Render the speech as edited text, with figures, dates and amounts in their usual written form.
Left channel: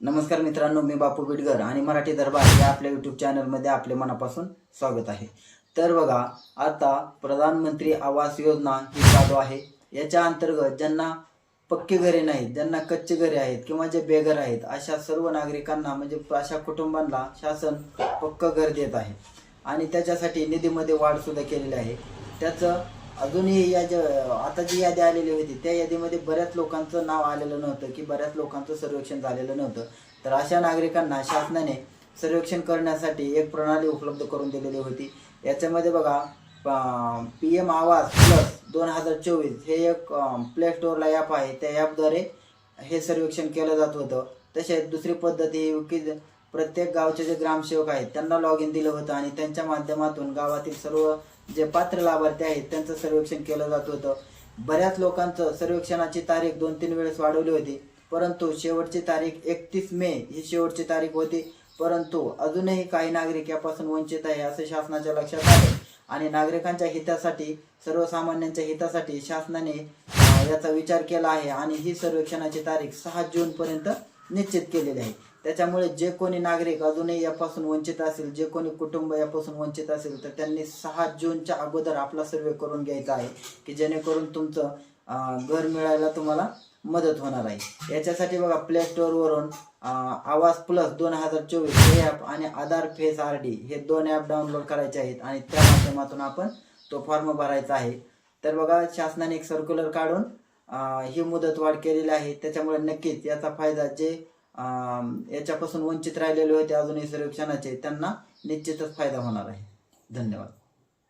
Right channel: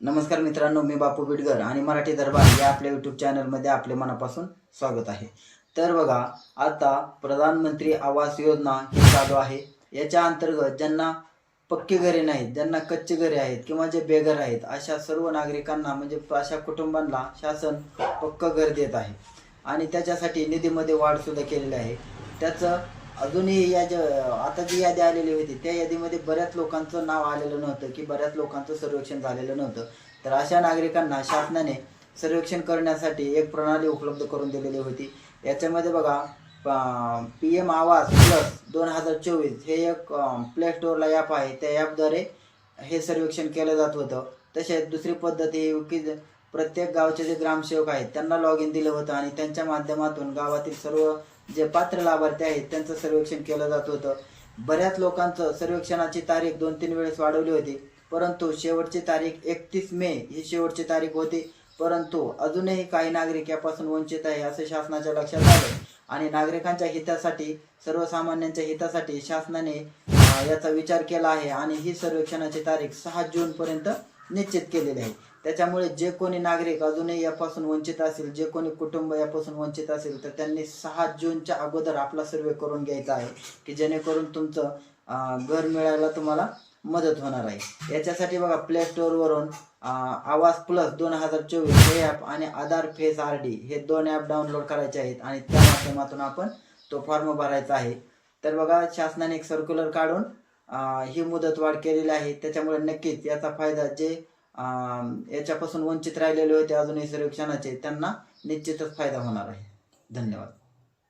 नमस्कार मित्रांनो, मी बापू बिडगर आणि मराठी दरबार या आपल्या यूट्यूब चॅनलमध्ये आपले मनापासून स्वागत आहे। तर बघा, आता प्रधानमंत्री आवास योजना ही चालू आहे। याच्या अंतर्गत ज्यांना पक्की घरे नाहीत, ज्यांना कच्ची घरे आहेत किंवा जे बेघर आहेत, अशा सर्व नागरिकांना म्हणजे अशा कुटुंबांना शासन पक्कं घर देत आहे आणि त्याच्यासाठी निधीमध्ये वाढ सुद्धा केलेली आहे। त्याचं अजूनही आता जी यादी आलेली होती त्या यादीमध्ये बऱ्याच लोकांचं नाव आलेलं नव्हतं, की बऱ्याच लोकांचं सर्वेक्षण झालेलं नव्हतं। तर अशा नागरिकांना शासनाने सर्वेक्षण करण्यासाठी एक प्रणाली उपलब्ध करून दिलेली होती। याच्यामध्ये बघा, PM आवास प्लस 2024 हे एक प्ले स्टोअरला ॲप आहे। त्या ॲपद्वारे हे सर्वेक्षण केलं जात होतं। तसेच दुसरी पद्धत ही की प्रत्येक गावचे जे ग्रामसेवक आहेत त्यांना लॉग इन दिलं होतं आणि त्यांच्या माध्यमातून गावातील सर्व जे पात्र लाभार्थी आहेत त्यांचं सर्वेक्षण केलं जात होतं। बऱ्याच लोकांचं सर्वेक्षणाची तारीख 2-3 वेळेस वाढवली होती, परंतु शेवटची तारीख 31 मे ही शेवटची तारीख होती। परंतु अजूनही काही नागरिक यापासून वंचित आहे असं शासनाच्या लक्षात आलं आणि नागरिकांच्या हितासाठी, सर्वसामान्यांच्या हितासाठी शासनाने याचा विचार केला आहे आणि ही सर्वेक्षणाची तारीख 6 जूनपर्यंत निश्चित केलेली आहे। त्याच्यामुळे जे कोणी नागरिक अजूनही यापासून वंचित असेल, जे कोणी कुटुंब यापासून वंचित असेल, तर त्यांनी 6 जूनच्या अगोदर आपला सर्वे करून घ्यायचा आहे, की जेणेकरून तुमचं घर मिळायला तुम्हाला मदत होणार आहे। याच्यासाठी बघा, प्ले स्टोअरवरून आवास प्लस 2024 हे ॲप आणि आधार फेस RD हे 2 ॲप डाउनलोड करायचे आहेत आणि त्या माध्यमातून आपण तो फॉर्म भरायचा आहे। तर बघा, शासनाने एक सर्क्युलर काढून ही मुदतवाढ केलेली आहे। त्याच्यामुळे नक्कीच याचा फायदा जे याच्यापासून वंचित राहिलेले होते अजूनही सर्वेक्षणाचे, त्यांना निश्चितच फायदा होणार आहे। धन्यवाद।